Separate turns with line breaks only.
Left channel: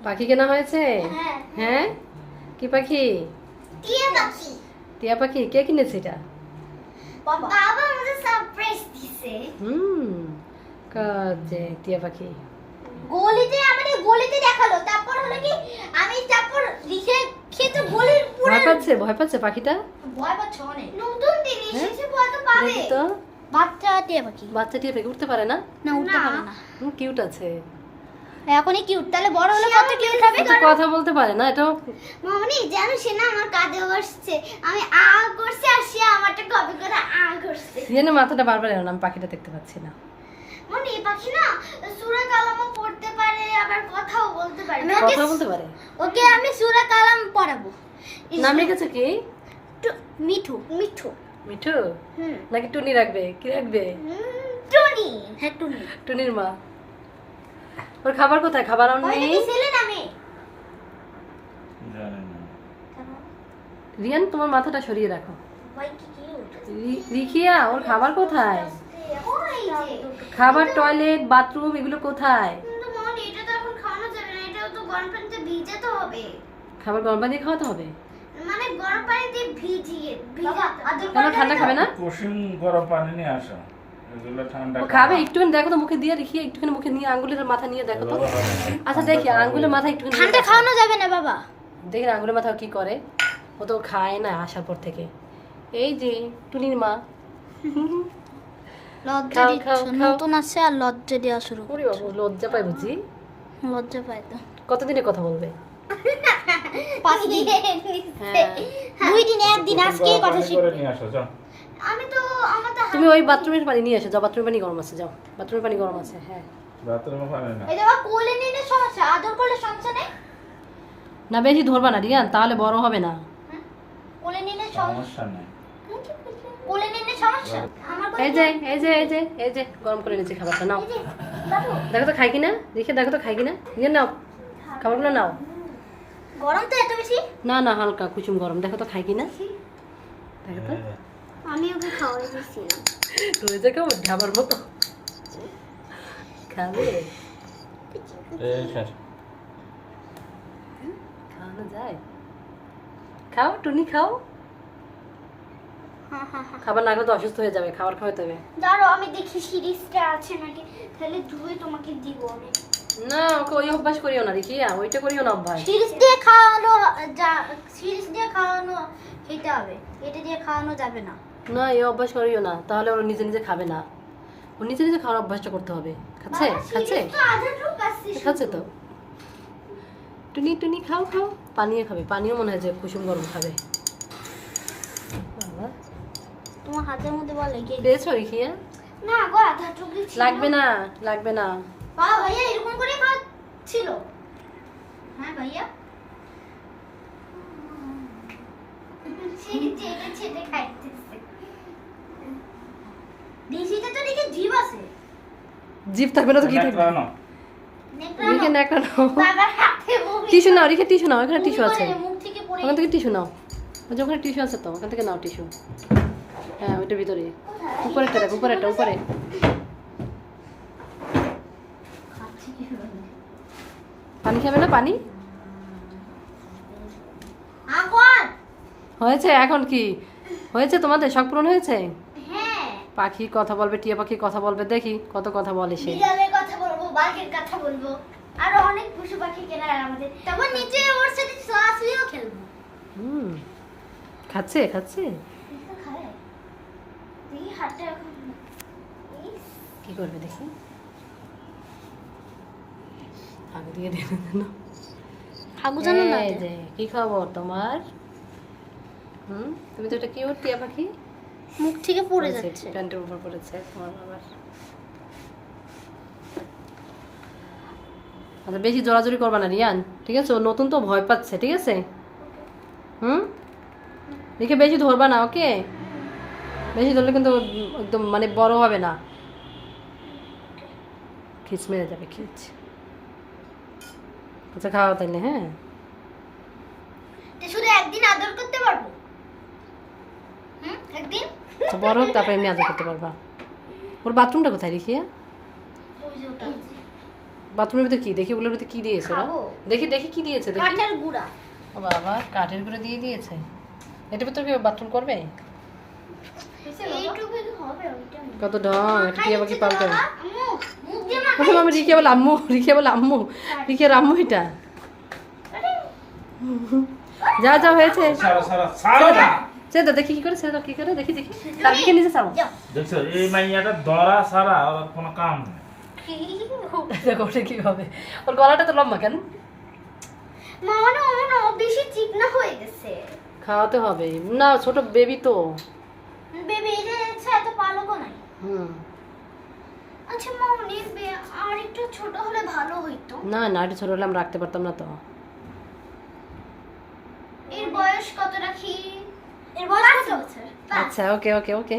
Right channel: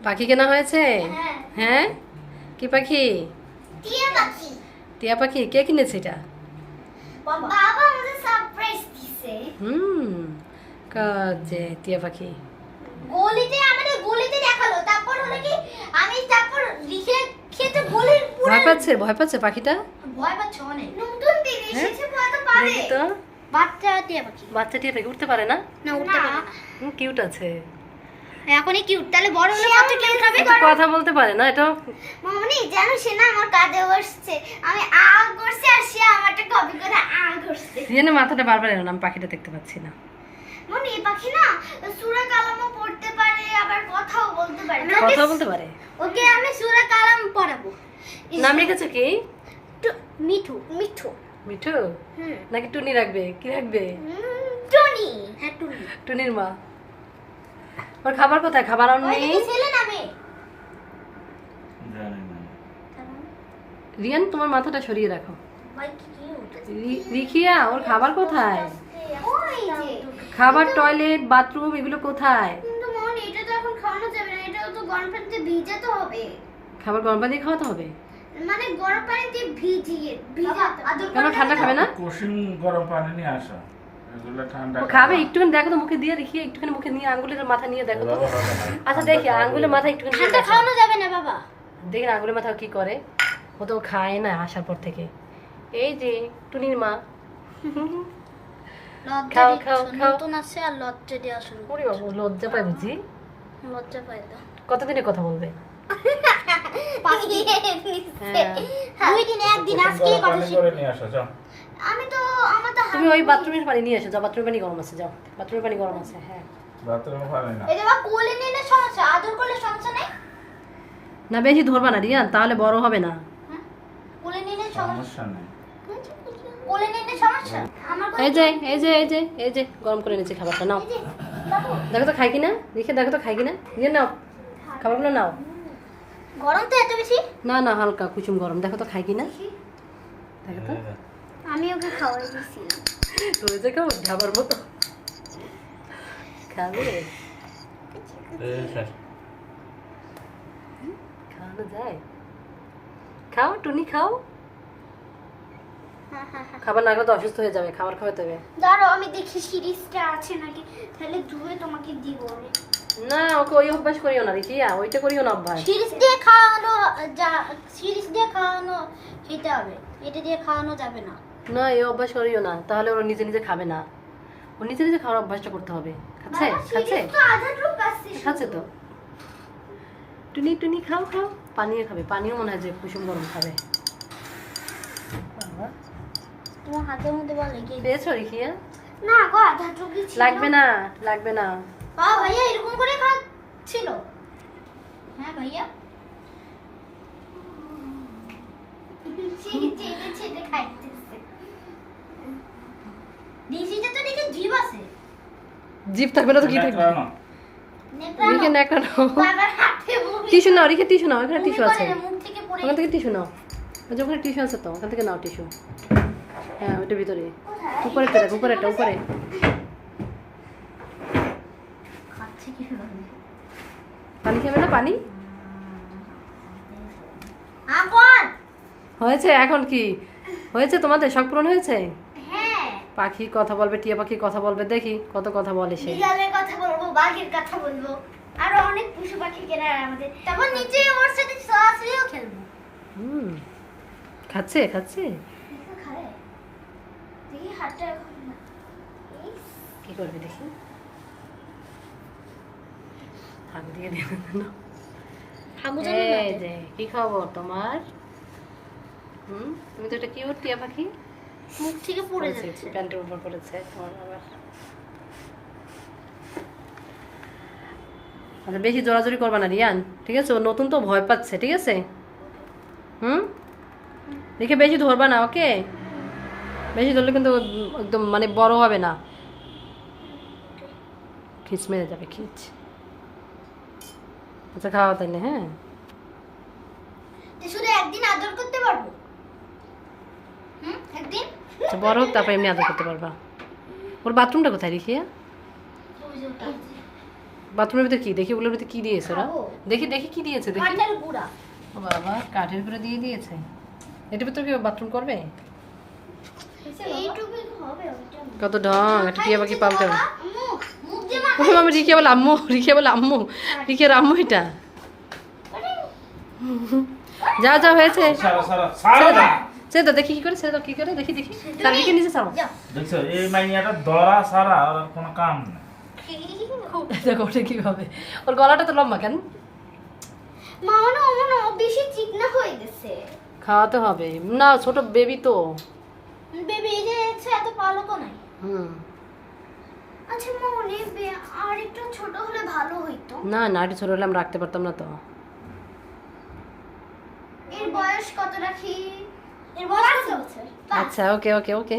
পাখি কেনা হয়েছে?
হ্যাঁ।
হ্যাঁ? কি পাখি?
টিয়া পাখি।
কে কিনেছে এটা?
বাবা আমাদের সারপ্রাইজ দিছে।
হুম কাজে টিয়া পাখি।
গলিতে আমাদের গলিতে দেখাল। তারপর হলো কি আমি তারপর লিখে খেতে গলির পুরো
ভয় পাচ্ছে ভয় পাচ্ছে পাখিটা?
ভয় পাচ্ছে অনেক। নতুন দিন
হ্যাঁ?
এসেছে ভয় তো পারে
দেখি তো।
বাচ্চা টিয়া পাখি।
বাচ্চা টিয়া পাখি উঠতে পারে না?
না উঠতে পারে না।
কিউট আছে।
এখনই কিউট তাহলে বড় হলে কত কিউট হবে?
কথা বলতে পারে না এটা
মামনি জানো সে না আমার কাঁধে বসছে। আমি আ করছে আর সে আমারটা কপি করে আ করছে।
জেনে মাথাটা বারবার এলাম আমি পাখিটা দেখতে পাচ্ছি না।
মামনি এই পাখি না সূরা কালামও পড়তে পারে আবার কথাও বলতে পারে।
কথা বলতে পারে?
ওকে আমি সূরা কালাম পড়াবো।
নাম রেখেছে কি?
মিঠু মিঠু।
মিঠু? নাকি টুনি রাখবে? কি রাখবে?
টুনি। হ্যাঁ টুনি।
টুনির মা। ওর খাবার কোথায়? খাবার
ওইটা
নেই রিয়ান তোমার মাথাটা সরিয়ে রাখো। রিখিয়া ওর খাবার কোথায়? খাবার টয়লেট বাথরুম এগুলো কোথায়?
কিন্তু মামনি এটা তো এখন খাওয়ানো যাবে না এটাও তো গরম পানিতে ভিজাতে হবে।
খাবার গরম পানি খাওয়াতে হবে?
মানে গরম পানিতে ভিজিয়ে
কেন ঠান্ডা খাবে না?
কুসুম গরম পানি নিয়ে আসো।
খাবে একটুখানি দেখো তো মুখে দিয়ে রিখিয়া একটুখানি মুখে নিয়ে আঙ্গুলের মাথা নিয়ে দেখো তো। আচ্ছা দেখি আঙ্গুলের মাথা একটুখানি
ঠান্ডা খাওয়ানো যাবে না বাবা।
দেখি আঙ্গুলের মাথা কি করে। ও তো খায় না আসার পর থেকে। এই যে টুনির মা।
লজ্জা। নতুন আছে আর লজ্জা দেওয়া শুরু
ওরে বাবা লজ্জা পায় বুঝি?
লজ্জা তো।
কতদিনে কথা বলবে?
দুই দিন একদিন
কুসুম
আজকে কথা
পানি
শিখব
করে নিয়ে আসো যাও
আমি তো আমার তো
তুমি ওই বাথরুমের পানি নিয়ে এসো যাও বাথরুমের পানি গরম আছে যাও বাথরুমের পানি গরম আছে হ্যাঁ।
বাথরুমে পানি না।
এই দেখো কোলে নিলে সমস্যা আদর করলে সমস্যা নেই
না? বেশি ধরবা না রিয়ান তাহলে বড় হবে না।
হ্যাঁ? কোলে নিলে সমস্যা
সমস্যা নেই।
কোলে নিলে সমস্যা?
এই যে এই যে এই যে এই যে গরম করে নিয়েছি খাবারটা নাও। দেখো তো খাই কিনা দেখে দেখো তো খাই কিনা। নিয়ে নাও খাবারগুলো নাও।
গরম তো এত বেশি?
না না হালকা কুচুম গরম দেখো তো খাই কিনা। দেখো তো।
আমি ওকে খাওয়াই
কেমন ঢাবার মতো? খাবে খাওয়ানো যায়? খাও টুনি খাও। খাবার না খেলে তো অসুস্থ হয়ে যাবে খাবার খাওয়াতে হবে।
দাঁড়াও আমি দেখি সিরিজটা আছে নাকি? তাহলে ধুয়ে তোমাকে দিব আমি।
না ওকে ওই অভ্যাস করিও না রিকিয়া ওইটা করিও না অভ্যাস।
সিরিজ দিয়ে খাওয়ানো যা সিরিজ দিয়ে খাওয়ানো খেতে হবে। এটা দিয়ে খাওয়ানো যাবে না।
না এই অভ্যাস করিও না। তাহলে ওরা নিজে নিজে খাবে না। ও নিজে নিজে খাওয়ার অভ্যাসটা করতে হবে। খাচ্ছে? খাচ্ছে? খাচ্ছে তো। টুনি টুনি খাও খাও। পানিও খাবে। পানিও মনে হয় যে কুসুম গরম খাবে। বাবা,
তোমার হাতের মধ্যে বলে কি
পেয়েছ রিখিয়া
না গো আধা টুকরি
লাগবে না লাগবে না।
বা ভাইয়া এরকম করে খাচ্ছিল। হ্যাঁ ভাইয়া। চেটে চেটে খাইতেছে দেশিতে তো দেখে জীব আছে
জিভ থাকবে না তো কি থাকবে। রিখে নেকড়া নাও। টিস্যু নাও রিখে টিস্যু নাও এখানে টিস্যু আছে।
করে, থেকে পড়ে
ওখান থেকে টিস্যু নাও। ওই যে ওখানে টিস্যু আছে তো ওখান থেকে নাও টিস্যু। হ্যাঁ ওইটার ভিতরে। উপরে দেখ উপরেটা উপরে।
একটা উপরে
পানি খাবে না পানি? হয়েছে এখন কি? হয়েছে তোমাদের? শখ পূরণ হয়েছে?
হ্যাঁ
পাখি কথা বলবে টিয়া পাখি কথা বলবে দেখি কত কথা বলে সে।
বিড়ালের কথা বলব বাঘের কথা বলব আরও অনেক পশু পাখি কেনার আমাদের। তারপর নিচে ওর সাথে সরাসরিও খেলব।
হুম খাচ্ছে খাচ্ছে? কি করবে দেখি? দিয়ে দেবে কি খবর তোমার? হুম তুমি তো একটা কিউট টিয়া পাখি।
মুখ থেকে পড়ে যাচ্ছে।
প্যান্টের উপর পড়েছে তোমার আবার আচ্ছা বেশি জোরাজোরি করবা না রিয়ান। ঠিক আছে ও নতুন তো ভয় পাচ্ছে ঠিক আছে? হুম? দেখে বেশি ধরবা না ওকে? বেশি ধরলে কিন্তু একদম মানে বড় হবে না। খিচ মেরে যাবে খিচ। আচ্ছা খাওয়া তাইলে হ্যাঁ?
শুধু একদিন আদর করতে পারব?
বড় হোক তারপর এমনি আদর করতে পারবা। ওর বাথরুমটা কোথায় রেখিয়া
ওই যে ওটা।
বাথরুমের ভিতরে কি? দেখি ওগুলোর ভিতরে কি দিয়েছে ওরা? দেখি দেখি কি দিয়েছে দেখি। ও বাবা কাঠের করে দিয়ে দিয়েছে। এটার ভিতরে কি বাথরুম করবে?
হবে।
কত ঢং এটা টিয়া পাখি
দিয়ে মা
ওকে মামা রিকে বলে আম্মু রিকে বলে আম্মু রিকের আম্মু এটা। যা যা হয়েছে।
সারা সারা
ছেড়ে
সারা
দাও দেখি কি করে ছেড়ে দাও কি করে দেখি দেখি। তার দিকে নিচে ছাড়ো।
দেখছ এই মাইয়াটা দরা সারা আর কোনো কাম নেই।
দেখো ওটা কি হবে ওর গলাটা তো লম্বা কেন?
মানে বেশি চিকনা হয়ে গেছে।
খাওয়াতে হবে। না ছোট বেবি তো।
বেবি এই যে এত পালকও নাই।
হুম।
আচ্ছা আর একটু ছোট হলে ভালো হইতো।
না না একটু ছোট হলে আমরা রাখতে পারতাম না তো।
এর বয়স কত রাখি
আচ্ছা ওকে ওকে ওকে।